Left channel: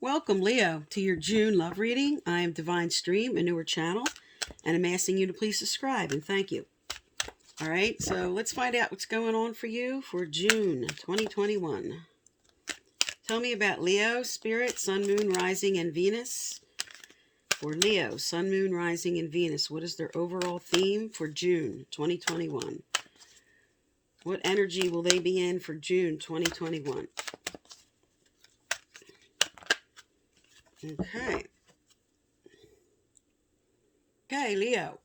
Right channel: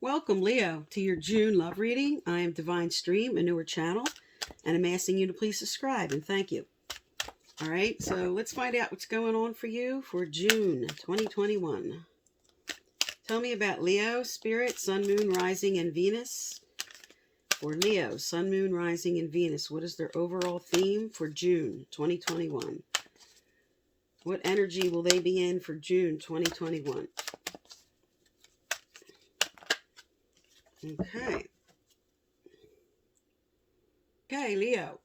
Welcome, Leo, to your June love reading. I am Divine Stream, a newer channel, and I'm asking you to please subscribe, and thank you. All right, so let's find out what's going on for you for June 2021. Tell me about Leo, Spirit, Sun, Moon, Rising, and Venus. For Leo, Sun, Moon, Rising, and Venus, what is their overall theme for June 2021? What energy will they be in for June 2021? Okay. Okay, Leo.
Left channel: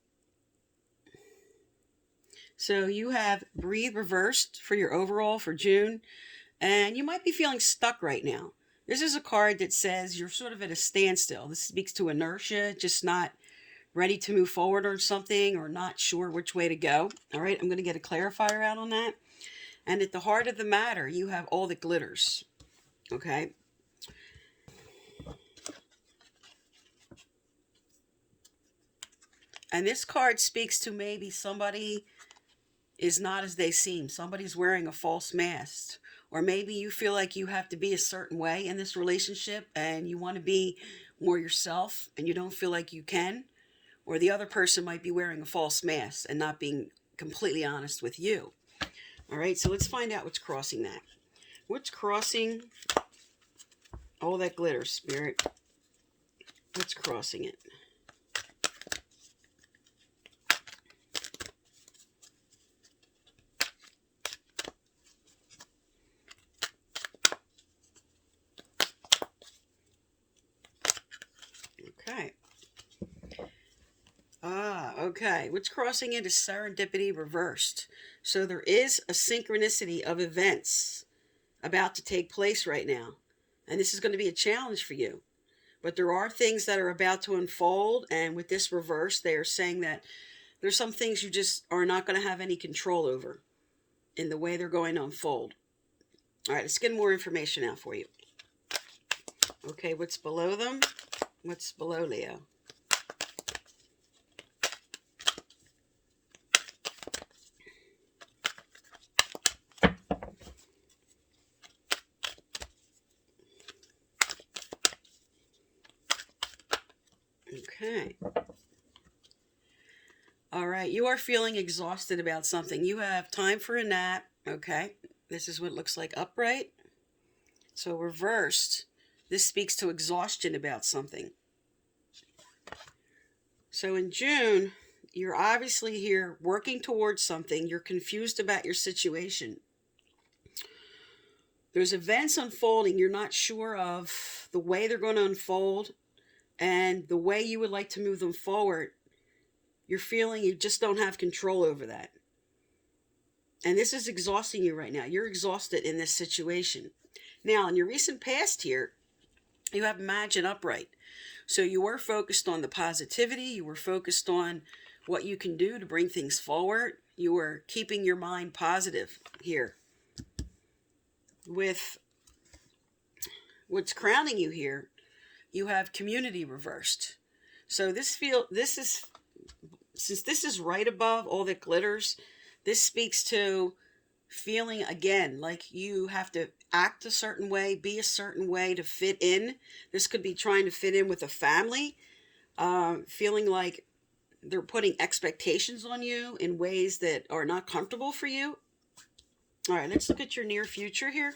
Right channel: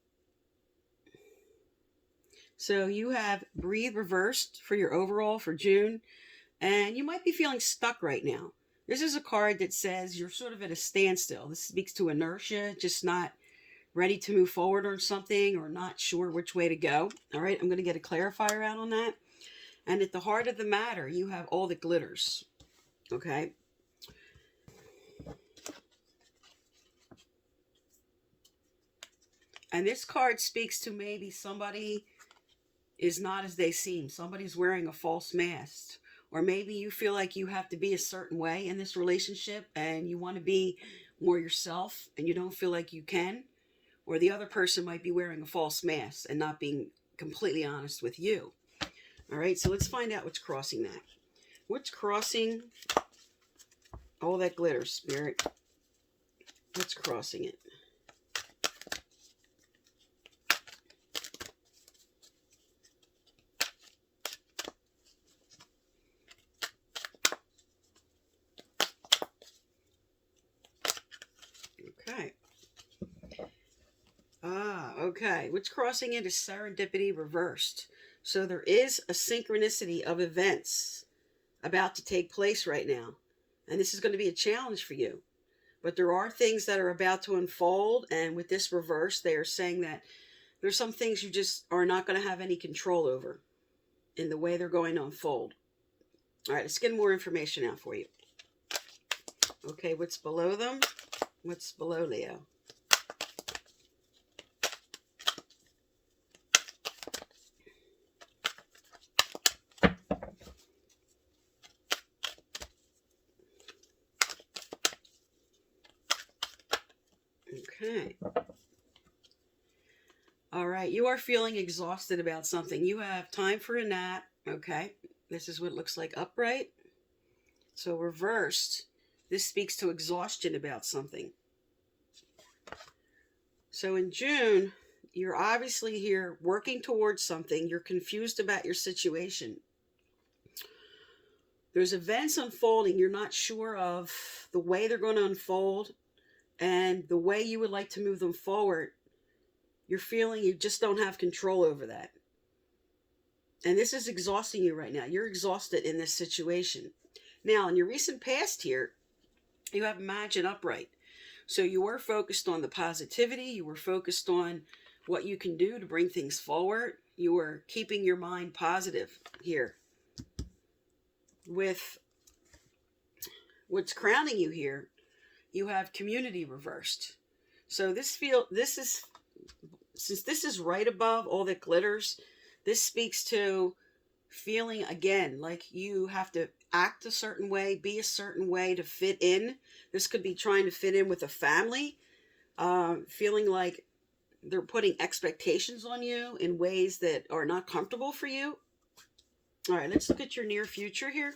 So you have Breathe reversed for your overall for June, and you might be feeling stuck right now. This is a card that says you're sort of at a standstill. This speaks to inertia, just not ready to move forward on something or not sure which way to go. All right, I'm going to get a clarifier out on that. And at the heart of the matter, you have all that glitters. Okay. And this card speaks to maybe somebody is not as they seem. Somebody's wearing a false mask. Or maybe you feel like you have to be a certain way in this relationship and you want to be more yourself and you don't feel like you can. Or the other person might be wearing a false mask and not being completely honest with you. All right, so let's find out what's crossing that. What's crossing all that glitter, Spirit? What's crossing it? Okay. Okay. What's crossing it is serendipity reversed. So there is a synchronicity of events about to take place right now. And this is going to be a challenge for you. But there are things that are about to unfold. And with this reverse, they are saying that there's some things you just are not going to have any control over in the way they're going to unfold. All right, let's get more information out for you. Okay, what's below them? What's below Leo? Okay. All right, you are feeling exhausted about something. You have time for a nap. Okay, this is what it looks like upright. So reversed, this speaks to exhaustion about something. So in June, you're obviously here working towards something. You're confused about your situation. There's events unfolding you're not sure of the way they're going to unfold and the way you would like to move them forward. You're feeling you just don't have control over that. And this is exhausting you right now. You're exhausted in this situation. Now, in your recent past here, you have Imagine upright. So you were focused on the positivity. You were focused on what you can do to bring things forward. You were keeping your mind positive here. With what's crowning you here, you have community reversed. So since this is right above all that glitters, this speaks to feeling again like you have to act a certain way, be a certain way to fit in. This could be trying to fit in with a family, feeling like they're putting expectations on you in ways that are not comfortable for you. All right, let's look at your near future here.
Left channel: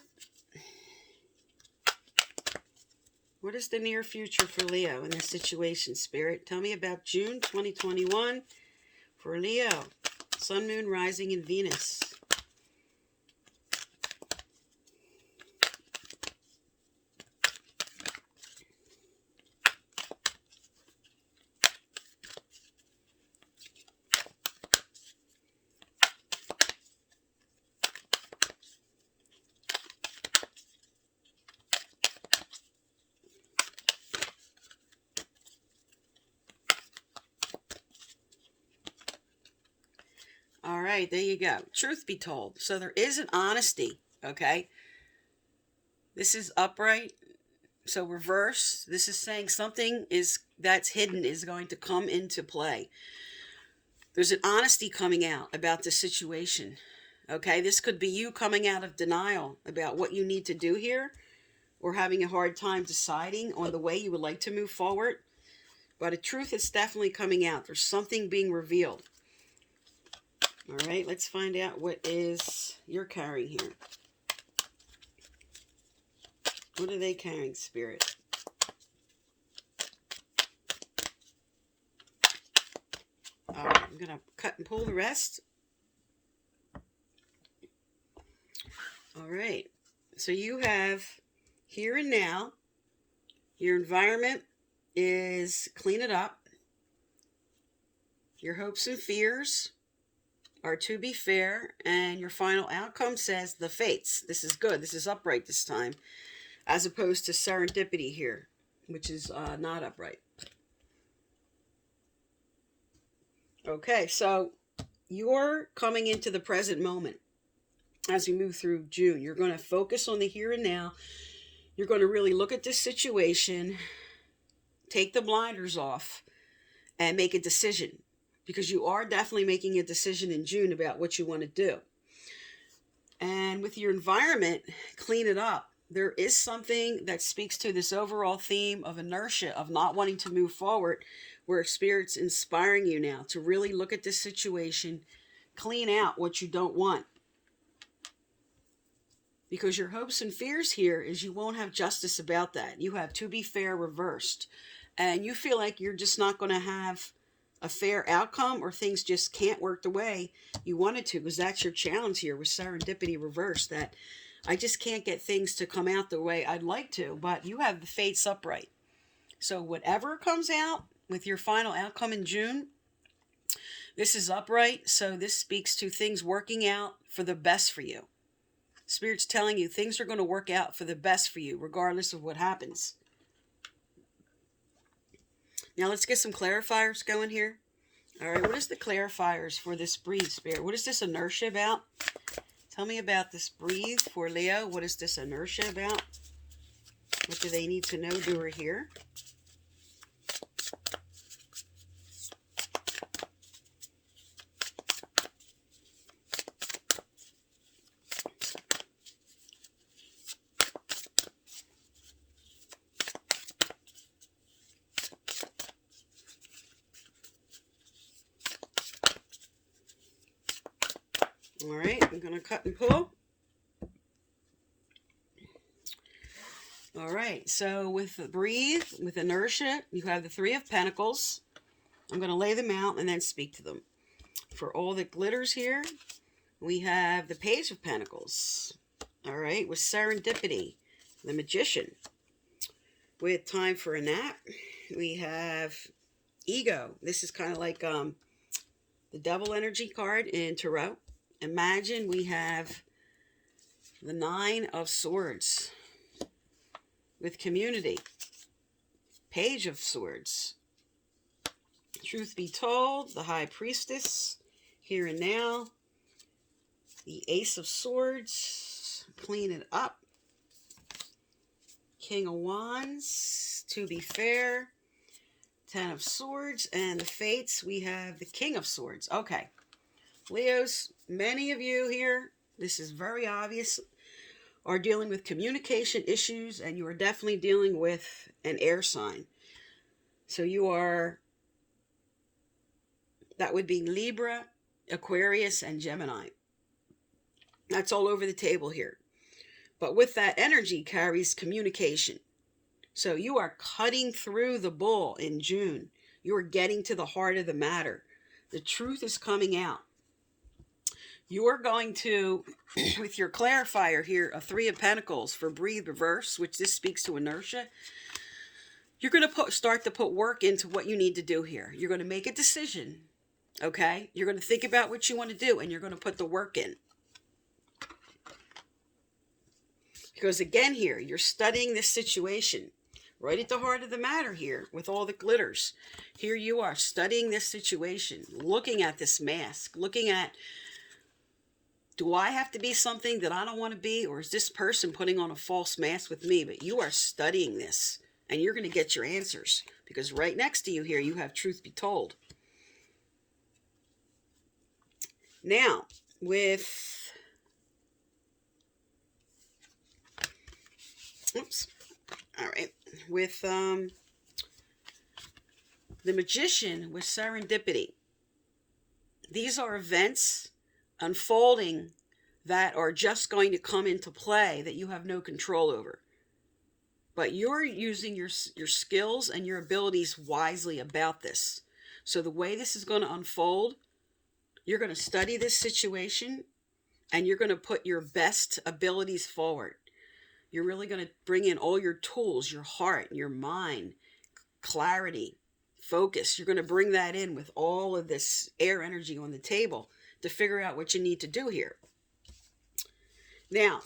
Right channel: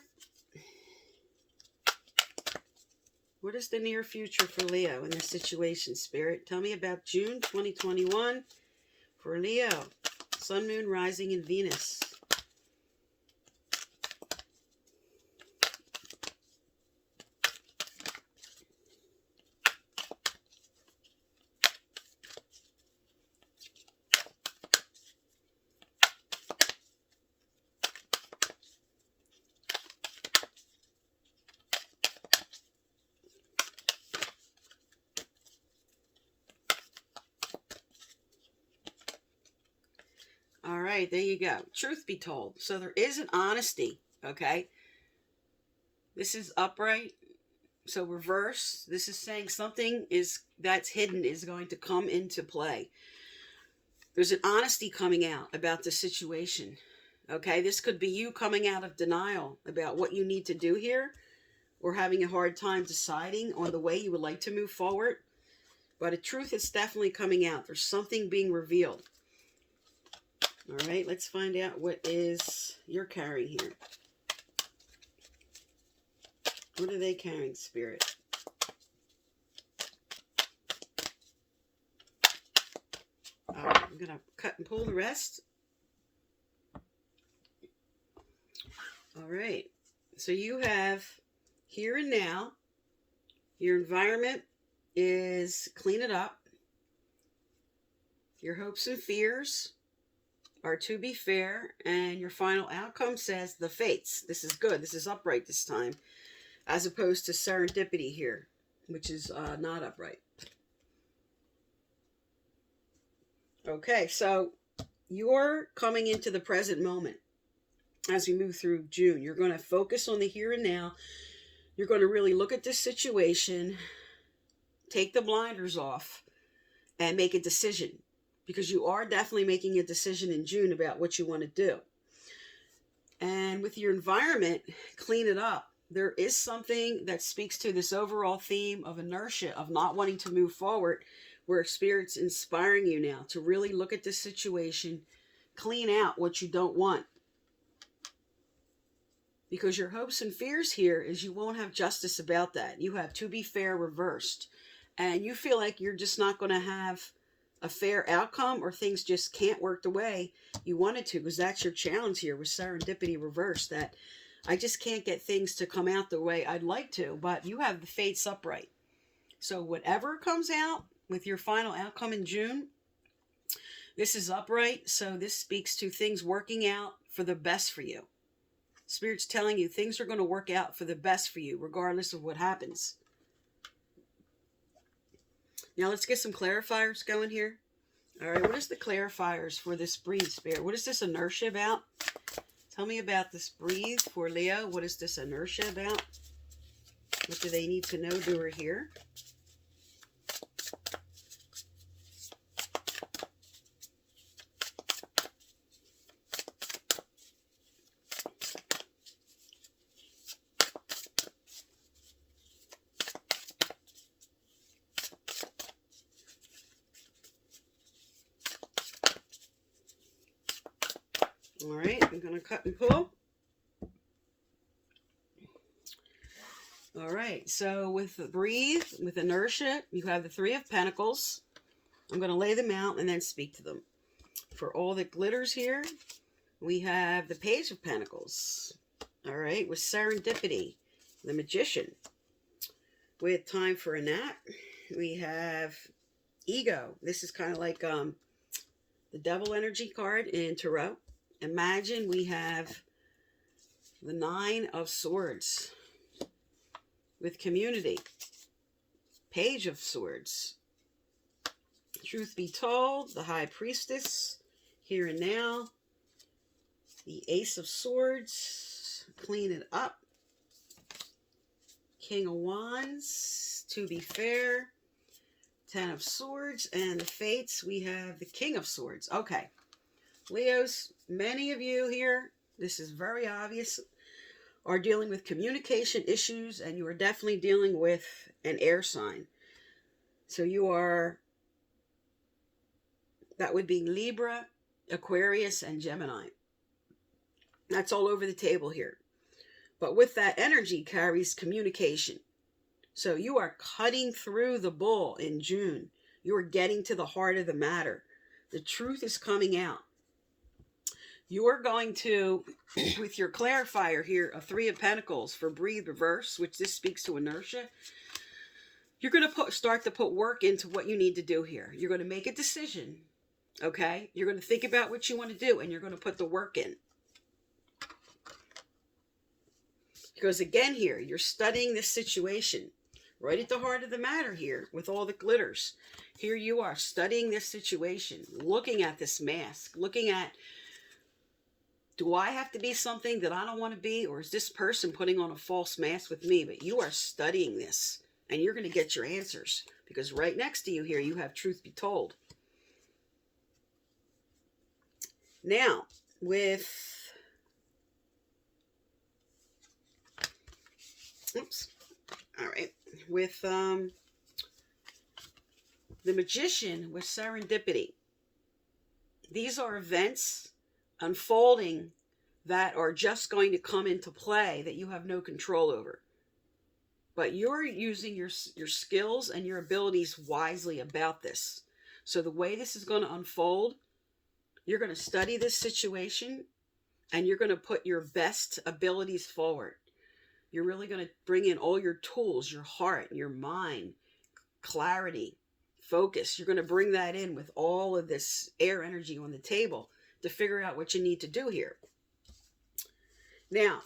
What is the near future for Leo in this situation, Spirit? Tell me about June 2021 for Leo. Sun, Moon, Rising, and Venus. All right, there you go. Truth be told. So there is an honesty, okay? This is upright. So reverse. This is saying something that's hidden is going to come into play. There's an honesty coming out about the situation. Okay, this could be you coming out of denial about what you need to do here. or having a hard time deciding on the way you would like to move forward. But a truth is definitely coming out. There's something being revealed. All right, let's find out what is you're carrying here. What are they carrying, Spirit? All right, I'm going to cut and pull the rest. All right, so you have here and now. Your environment is clean it up. Your hopes and fears are to be fair, and your final outcome says the fates. This is good. This is upright this time, as opposed to serendipity here, which is not upright. Okay, so you're coming into the present moment as we move through June. You're going to focus on the here and now. You're going to really look at this situation, take the blinders off, and make a decision. Because you are definitely making a decision in June about what you want to do. And with your environment, clean it up. There is something that speaks to this overall theme of inertia, of not wanting to move forward, where Spirit's inspiring you now to really look at this situation, clean out what you don't want. Because your hopes and fears here is you won't have justice about that. You have to be fair reversed. And you feel like you're just not going to have a fair outcome, or things just can't work the way you wanted to, because that's your challenge here with serendipity reversed, that I just can't get things to come out the way I'd like to. But you have the fates upright. So whatever comes out with your final outcome in June, this is upright. So this speaks to things working out for the best for you. Spirit's telling you things are going to work out for the best for you, regardless of what happens. Now let's get some clarifiers going here. All right, what is the clarifiers for this breathe, Spirit? What is this inertia about? Tell me about this breathe for Leo. What is this inertia about? What do they need to know, doer here? All right, I'm going to cut and pull. All right, so with the breathe, with inertia, you have the Three of Pentacles. I'm going to lay them out and then speak to them. For all that glitters here, we have the Page of Pentacles. All right, with serendipity, the Magician. With time for a nap, we have ego. This is kind of like the Devil energy card in Tarot. Imagine we have the Nine of Swords with community. Page of Swords. Truth be told, the High Priestess, here and now. The Ace of Swords, clean it up. King of Wands, to be fair. Ten of Swords, and the Fates, we have the King of Swords. Okay. Leos, many of you here, this is very obvious, are dealing with communication issues, and you are definitely dealing with an air sign. So you are, that would be Libra, Aquarius, and Gemini. That's all over the table here. But with that energy carries communication. So you are cutting through the bull in June. You are getting to the heart of the matter. The truth is coming out. You are going to, with your clarifier here, a Three of Pentacles for breathe reverse, which this speaks to inertia, you're going to start to put work into what you need to do here. You're going to make a decision, okay? You're going to think about what you want to do, and you're going to put the work in. Because again here, you're studying this situation right at the heart of the matter here with all the glitters. Here you are studying this situation, looking at this mask, looking at, do I have to be something that I don't want to be, or is this person putting on a false mask with me? But you are studying this, and you're going to get your answers, because right next to you here, you have truth be told. Now, with Oops. All right. With the Magician, with serendipity. These are events unfolding that are just going to come into play that you have no control over. But you're using your skills and your abilities wisely about this. So the way this is going to unfold, you're going to study this situation and you're going to put your best abilities forward. You're really going to bring in all your tools, your heart, your mind, clarity, focus. You're going to bring that in with all of this air energy on the table to figure out what you need to do here. Now,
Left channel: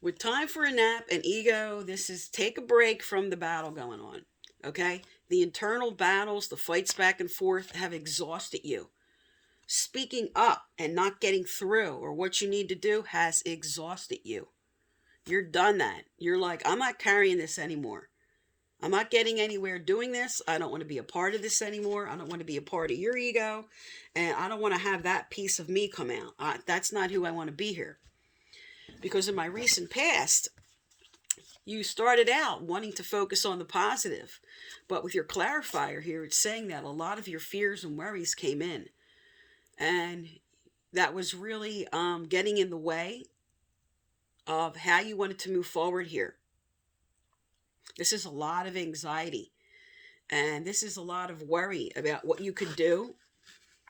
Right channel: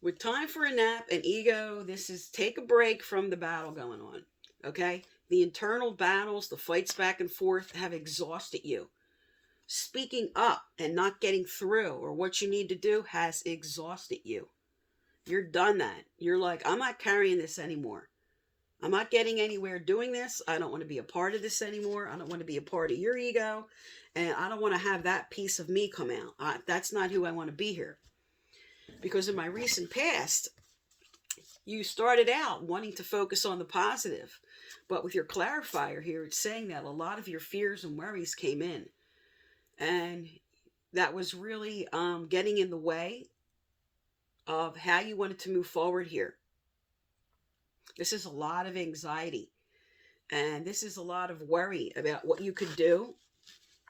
with time for a nap and ego, this is take a break from the battle going on. Okay? The internal battles, the fights back and forth have exhausted you. Speaking up and not getting through or what you need to do has exhausted you. You're done that. You're like, I'm not carrying this anymore. I'm not getting anywhere doing this. I don't want to be a part of this anymore. I don't want to be a part of your ego. And I don't want to have that piece of me come out. That's not who I want to be here. Because in my recent past, you started out wanting to focus on the positive. But with your clarifier here, it's saying that a lot of your fears and worries came in. And that was really getting in the way of how you wanted to move forward here. This is a lot of anxiety. And this is a lot of worry about what you could do,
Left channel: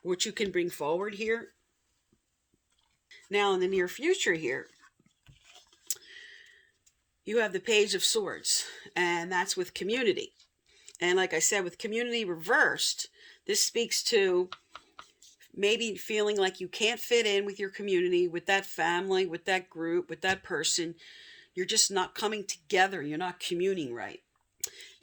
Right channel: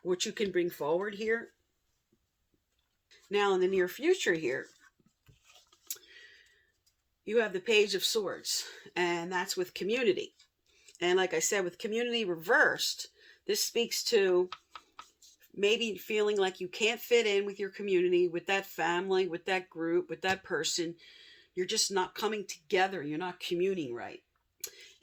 what you can bring forward here. Now, in the near future here, you have the Page of Swords, and that's with community. And like I said, with community reversed, this speaks to maybe feeling like you can't fit in with your community, with that family, with that group, with that person. You're just not coming together. You're not communing right.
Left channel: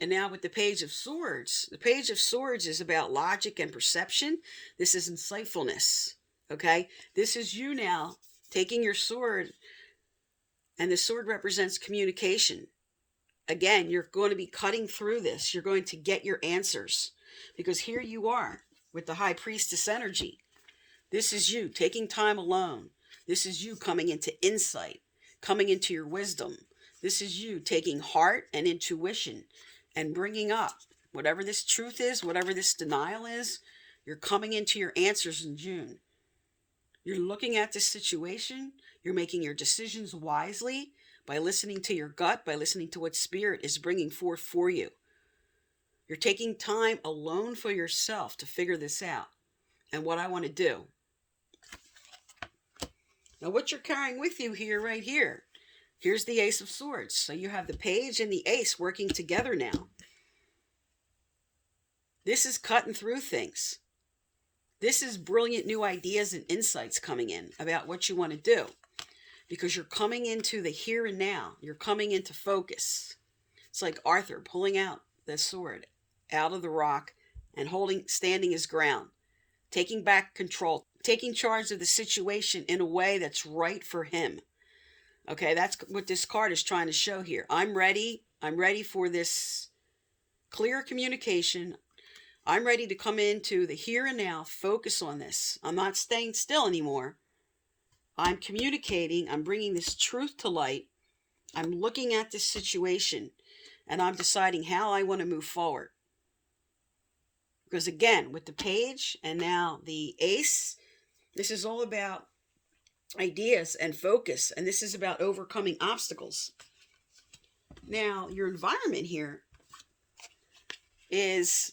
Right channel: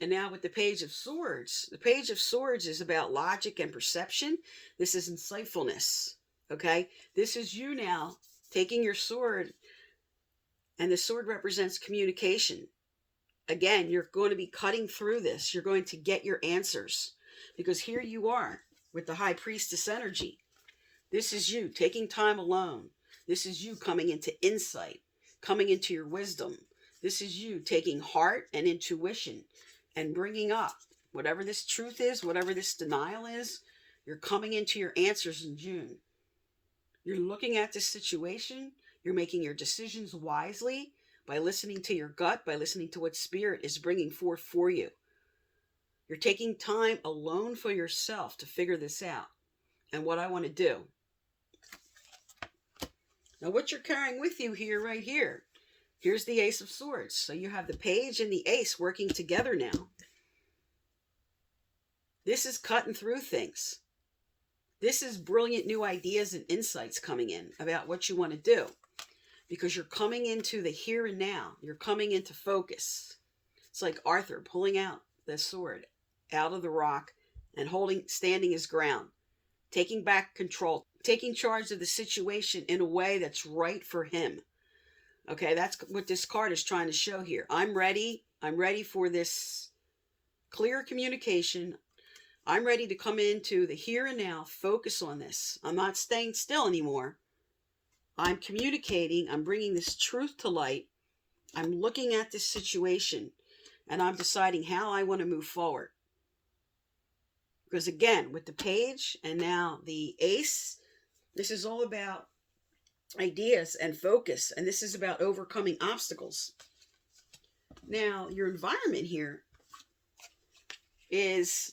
And now with the Page of Swords, the Page of Swords is about logic and perception. This is insightfulness, okay? This is you now taking your sword, and the sword represents communication. Again, you're going to be cutting through this. You're going to get your answers. Because here you are with the High Priestess energy. This is you taking time alone. This is you coming into insight, coming into your wisdom. This is you taking heart and intuition and bringing up whatever this truth is, whatever this denial is. You're coming into your answers in June. You're looking at this situation. You're making your decisions wisely by listening to your gut, by listening to what Spirit is bringing forth for you. You're taking time alone for yourself to figure this out and what I want to do. Now, what you're carrying with you here, right here, here's the Ace of Swords. So you have the Page and the Ace working together now. This is cutting through things. This is brilliant new ideas and insights coming in about what you want to do. Because you're coming into the here and now. You're coming into focus. It's like Arthur pulling out the sword out of the rock and standing his ground. Taking back control. Taking charge of the situation in a way that's right for him. Okay, that's what this card is trying to show here. I'm ready. I'm ready for this clear communication. I'm ready to come into the here and now. Focus on this. I'm not staying still anymore. I'm communicating, I'm bringing this truth to light, I'm looking at this situation, and I'm deciding how I want to move forward. Because again, with the Page and now the Ace, this is all about ideas and focus, and this is about overcoming obstacles. Now, your environment here is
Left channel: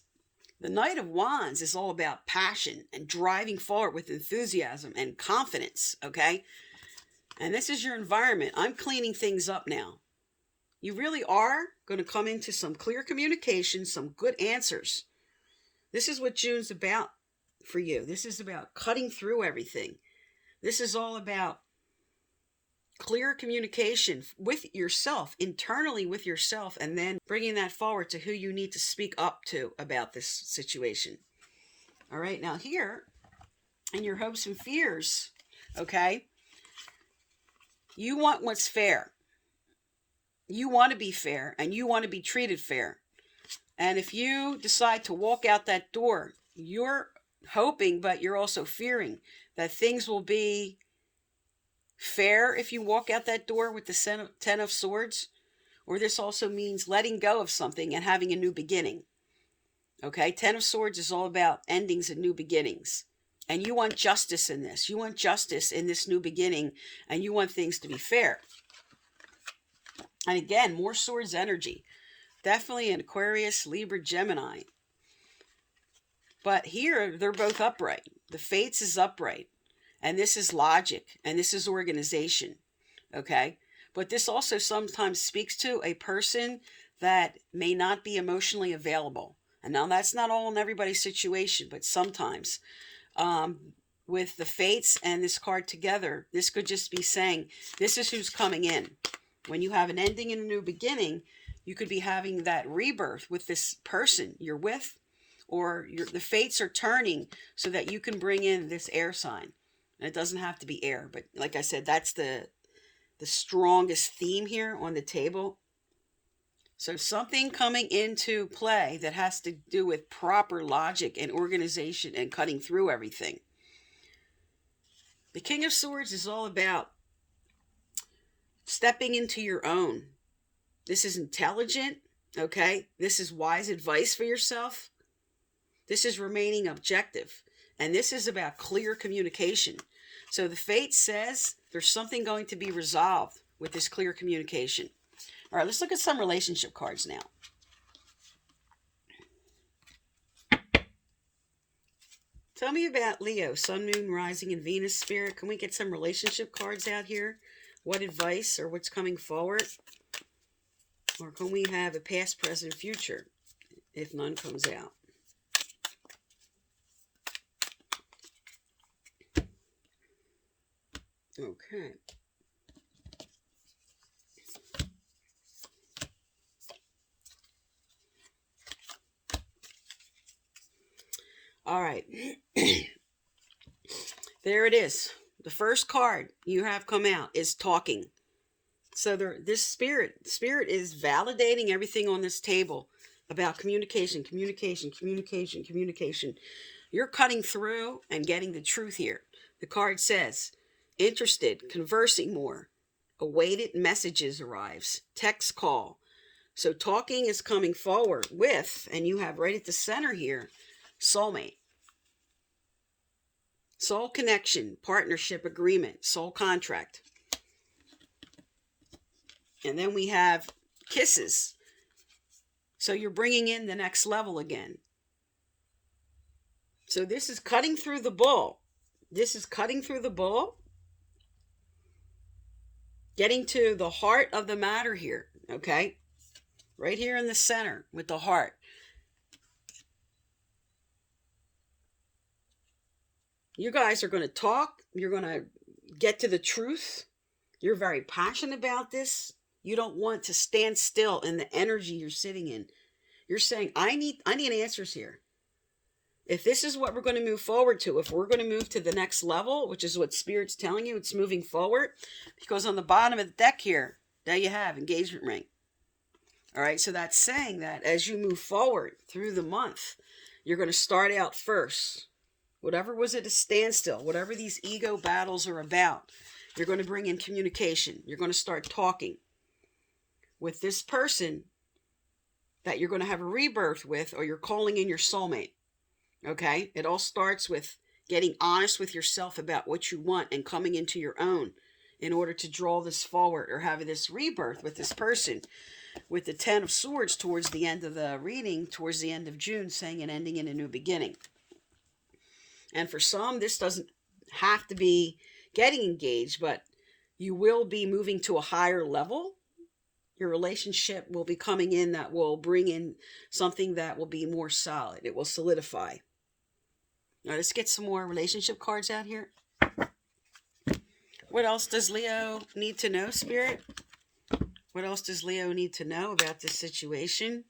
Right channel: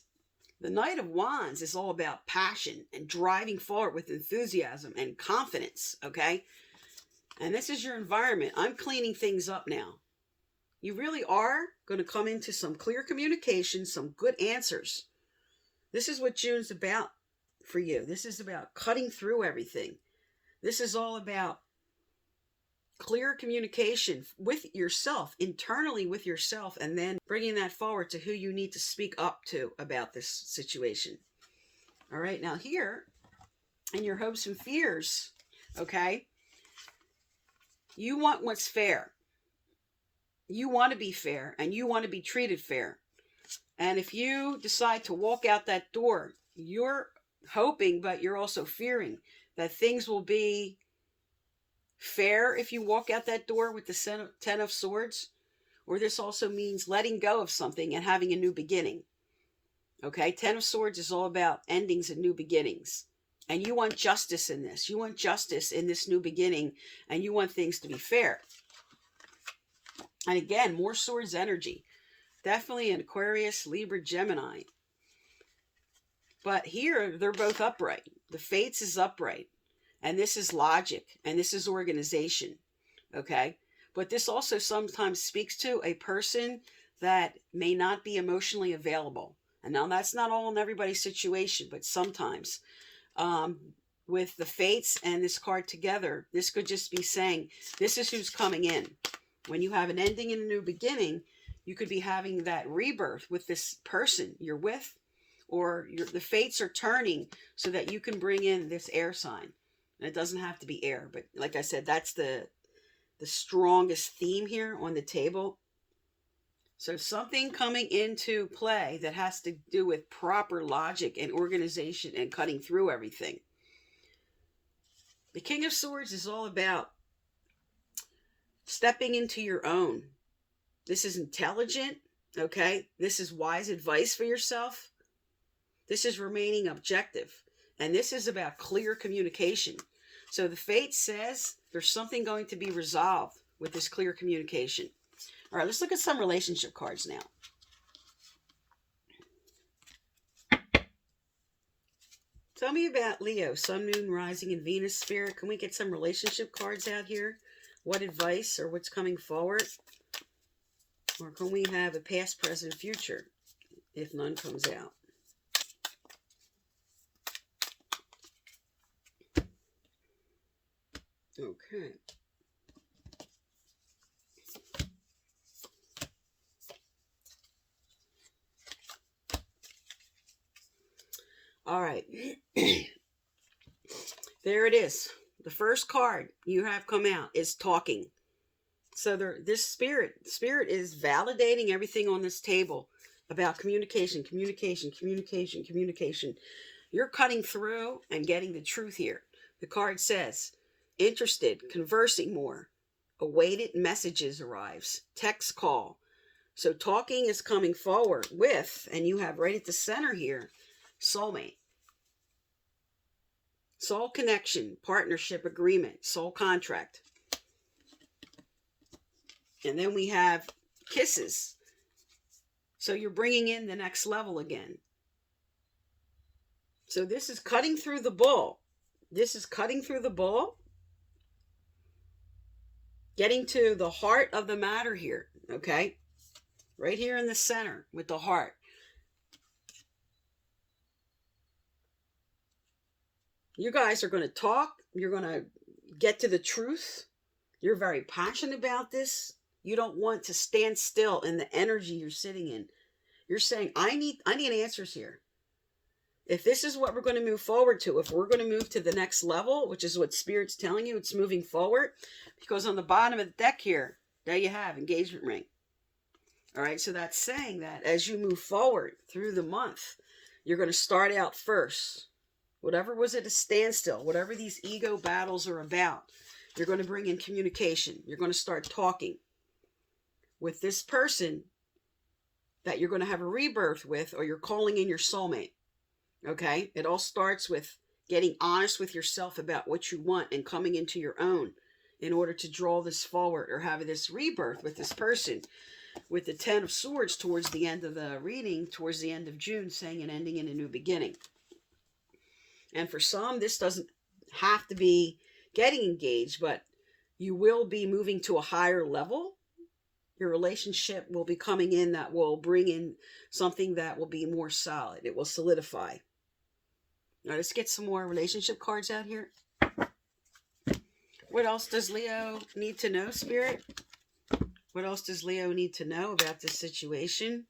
the Knight of Wands is all about passion and driving forward with enthusiasm and confidence, okay? And this is your environment. I'm cleaning things up now. You really are going to come into some clear communication, some good answers. This is what June's about for you. This is about cutting through everything. This is all about clear communication with yourself, internally with yourself, and then bringing that forward to who you need to speak up to about this situation. All right, now here, in your hopes and fears, okay, you want what's fair. You want to be fair, and you want to be treated fair. And if you decide to walk out that door, you're hoping, but you're also fearing that things will be fair if you walk out that door with the Ten of Swords, or this also means letting go of something and having a new beginning. Okay, Ten of Swords is all about endings and new beginnings. And you want justice in this. You want justice in this new beginning, and you want things to be fair. And again, more Swords energy. Definitely an Aquarius, Libra, Gemini. But here, they're both upright. The Fates is upright. And this is logic. And this is organization. Okay? But this also sometimes speaks to a person that may not be emotionally available. And now that's not all in everybody's situation, but sometimes. With the Fates and this card together, this could just be saying, this is who's coming in. When you have an ending and a new beginning, you could be having that rebirth with this person you're with, or the Fates are turning so that you can bring in this air sign. And it doesn't have to be air, but like I said, that's the strongest theme here on the table. So something coming into play that has to do with proper logic and organization and cutting through everything. The King of Swords is all about stepping into your own. This is intelligent, okay? This is wise advice for yourself. This is remaining objective. And this is about clear communication. So the Fate says there's something going to be resolved with this clear communication. All right, let's look at some relationship cards now. Tell me about Leo, Sun, Moon, Rising, and Venus, Spirit. Can we get some relationship cards out here? What advice or what's coming forward? Or can we have a past, present, future if none comes out? Okay. All right. There it is. The first card you have come out is talking. So this spirit is validating everything on this table about communication. You're cutting through and getting the truth here. The card says, interested, conversing more, awaited messages arrives, text call. So talking is coming forward with, and you have right at the center here, soulmate. Soul connection, partnership agreement, soul contract. And then we have kisses. So you're bringing in the next level again. So this is cutting through the bull. This is cutting through the bull. Getting to the heart of the matter here, okay? Right here in the center with the heart. You guys are going to talk. You're going to get to the truth. You're very passionate about this. You don't want to stand still in the energy you're sitting in. You're saying, I need answers here. If this is what we're going to move forward to, if we're going to move to the next level, which is what Spirit's telling you, it's moving forward. Because on the bottom of the deck here, there you have engagement ring. All right, so that's saying that as you move forward through the month, you're going to start out first. Whatever was at a standstill, whatever these ego battles are about, you're going to bring in communication. You're going to start talking with this person that you're going to have a rebirth with, or you're calling in your soulmate. Okay? It all starts with getting honest with yourself about what you want and coming into your own in order to draw this forward or have this rebirth with this person. With the Ten of Swords towards the end of the reading, towards the end of June, saying an ending and a new beginning. And for some, this doesn't have to be getting engaged, but you will be moving to a higher level. Your relationship will be coming in that will bring in something that will be more solid. It will solidify. Now, let's get some more relationship cards out here. What else does Leo need to know, Spirit? What else does Leo need to know about this situation?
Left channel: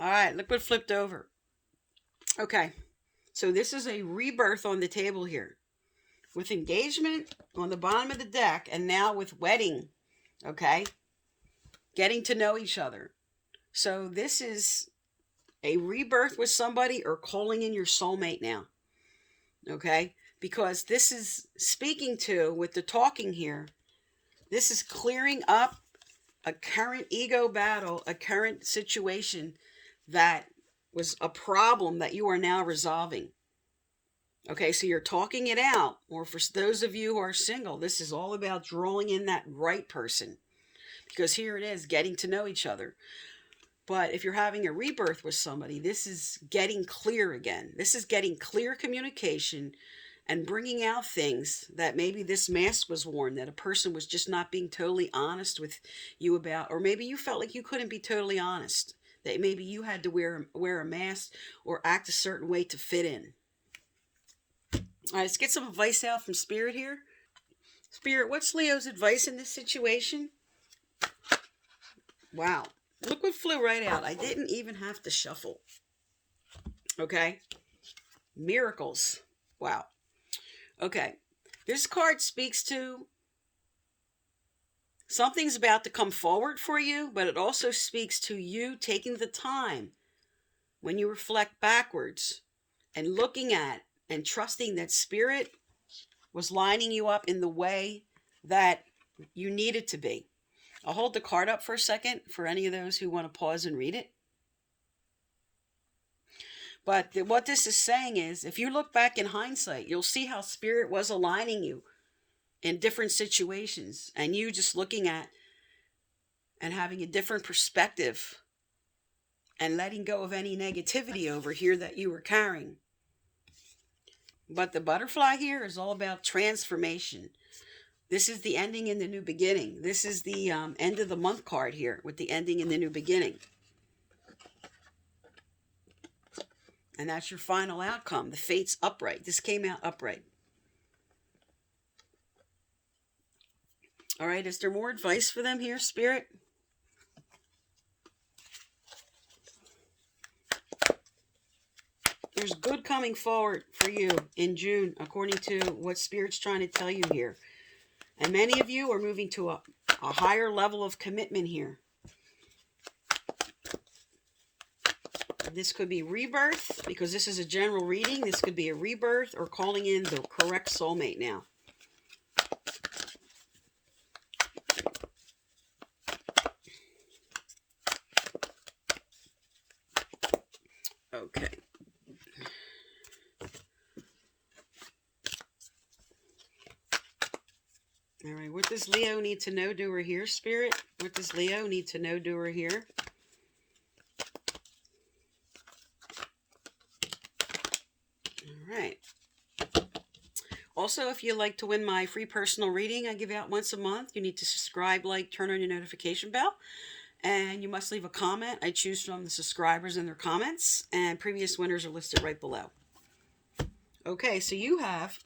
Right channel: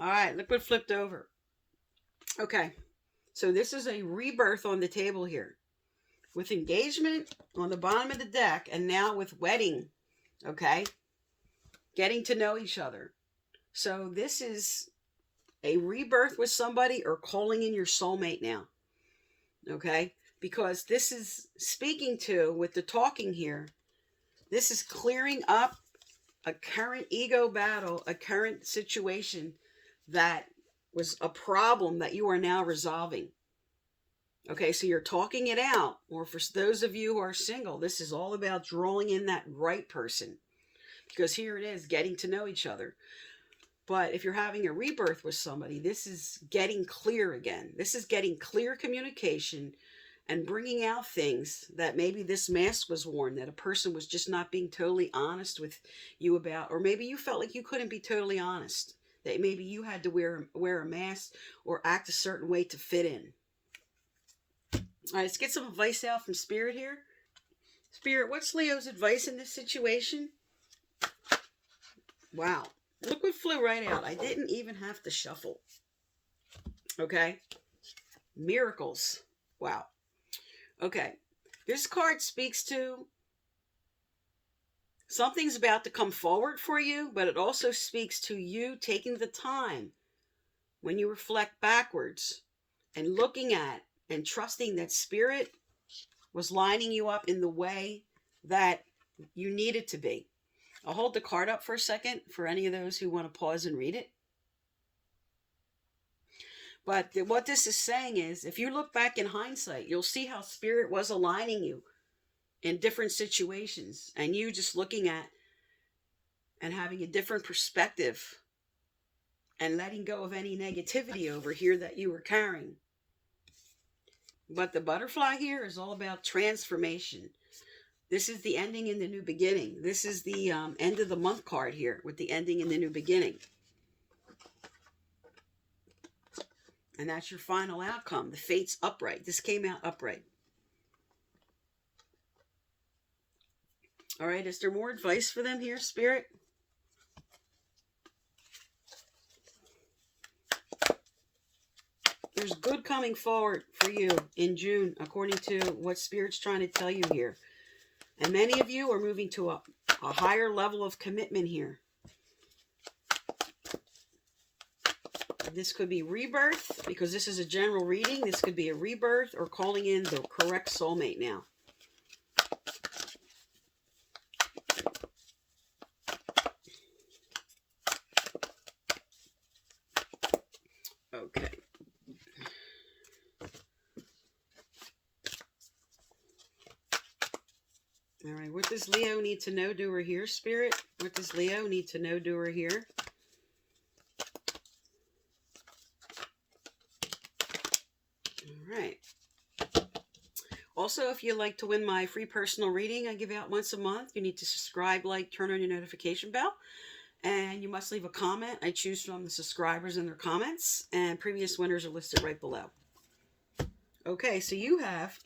All right, look what flipped over. Okay, So this is a rebirth on the table here. With engagement on the bottom of the deck, and now with wedding, okay? Getting to know each other. So this is a rebirth with somebody or calling in your soulmate now, okay? Because this is speaking to, with the talking here, this is clearing up a current ego battle, a current situation that was a problem that you are now resolving. Okay, so you're talking it out. Or for those of you who are single, this is all about drawing in that right person. Because here it is, getting to know each other. But if you're having a rebirth with somebody, this is getting clear again. This is getting clear communication and bringing out things that maybe this mask was worn, that a person was just not being totally honest with you about, or maybe you felt like you couldn't be totally honest, that maybe you had to wear a mask or act a certain way to fit in. All right, let's get some advice out from Spirit here. Spirit, what's Leo's advice in this situation? Wow. Look what flew right out. I didn't even have to shuffle. Okay. Miracles. Wow. Okay. This card speaks to something's about to come forward for you, but it also speaks to you taking the time when you reflect backwards and looking at and trusting that Spirit was lining you up in the way that you needed to be. I'll hold the card up for a second for any of those who want to pause and read it. But what this is saying is, if you look back in hindsight, you'll see how Spirit was aligning you in different situations, and you just looking at and having a different perspective and letting go of any negativity over here that you were carrying. But the butterfly here is all about transformation. This is the ending in the new beginning. This is the end of the month card here with the ending in the new beginning. And that's your final outcome. The fate's upright. This came out upright. All right, is there more advice for them here, Spirit? There's good coming forward for you in June, according to what Spirit's trying to tell you here. And many of you are moving to a higher level of commitment here. This could be rebirth, because this is a general reading. This could be a rebirth or calling in the correct soulmate now. Okay. All right, what does Leo need to know, do, or hear, Spirit? What does Leo need to know, do, or hear? All right. Also, if you'd like to win my free personal reading I give out once a month, you need to subscribe, like, turn on your notification bell, and you must leave a comment. I choose from the subscribers and their comments, and previous winners are listed right below. Okay, so you have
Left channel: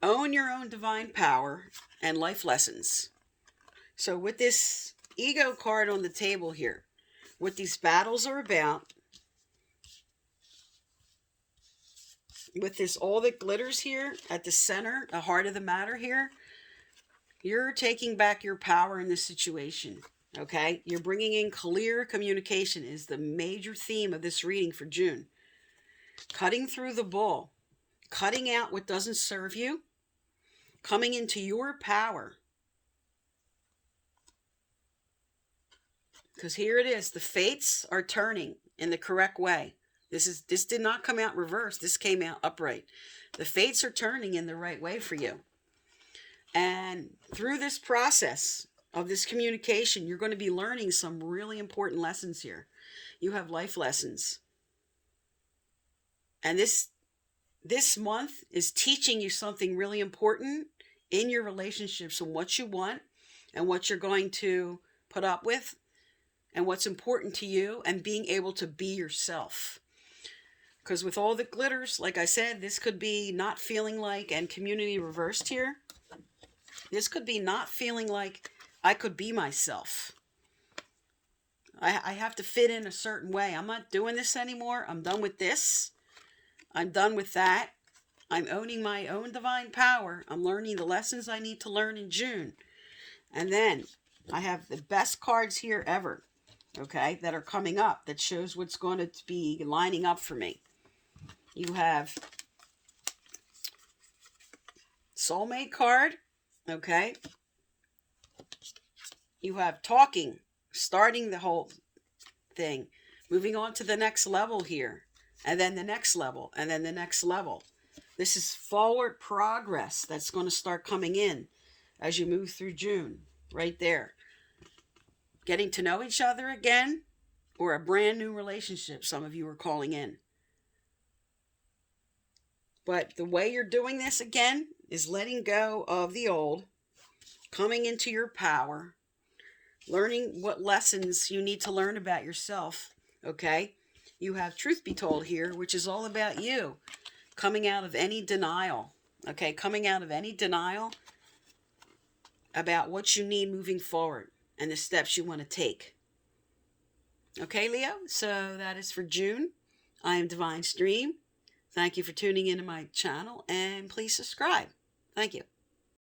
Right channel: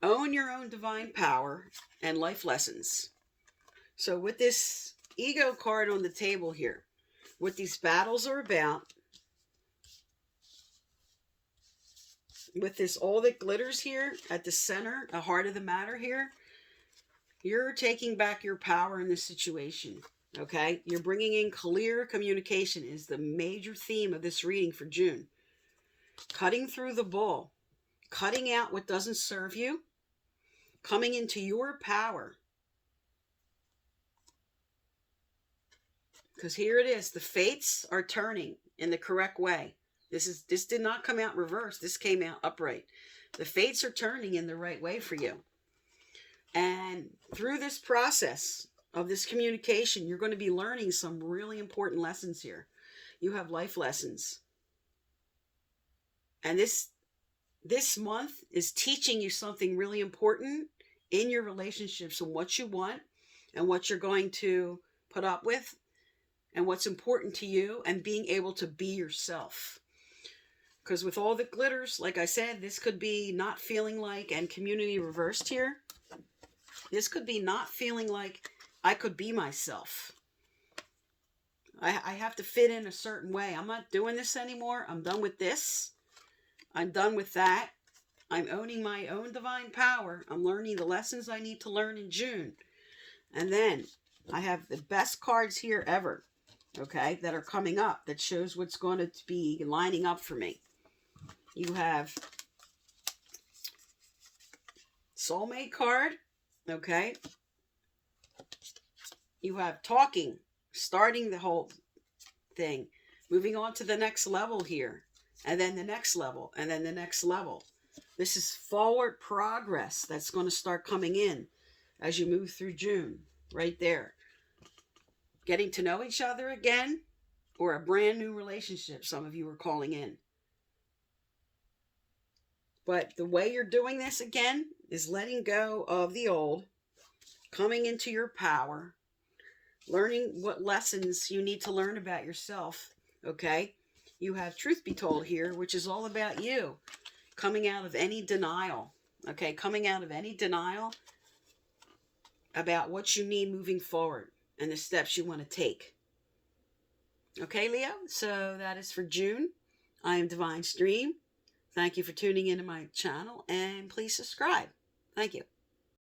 own your own divine power and life lessons. So with this ego card on the table here, what these battles are about, with this all that glitters here at the center, the heart of the matter here, you're taking back your power in this situation, okay? You're bringing in clear communication is the major theme of this reading for June. Cutting through the bull, cutting out what doesn't serve you, coming into your power. Because here it is, the fates are turning in the correct way. This did not come out reversed. This came out upright. The fates are turning in the right way for you. And through this process of this communication, you're going to be learning some really important lessons here. You have life lessons. And this month is teaching you something really important in your relationships and what you want and what you're going to put up with and what's important to you and being able to be yourself. Because with all the glitters, like I said, this could be not feeling like, and community reversed here, this could be not feeling like I could be myself. I have to fit in a certain way. I'm not doing this anymore. I'm done with this. I'm done with that. I'm owning my own divine power. I'm learning the lessons I need to learn in June. And then I have the best cards here ever, okay, that are coming up that shows what's going to be lining up for me. You have soulmate card, okay. You have talking, starting the whole thing, moving on to the next level here, and then the next level, and then the next level. This is forward progress that's going to start coming in as you move through June, right there. Getting to know each other again, or a brand new relationship, some of you are calling in. But the way you're doing this again is letting go of the old, coming into your power, learning what lessons you need to learn about yourself, okay? You have truth be told here, which is all about you. Coming out of any denial, okay? Coming out of any denial about what you need moving forward and the steps you want to take. Okay, Leo? So that is for June. I am Divine Stream. Thank you for tuning into my channel, and please subscribe. Thank you.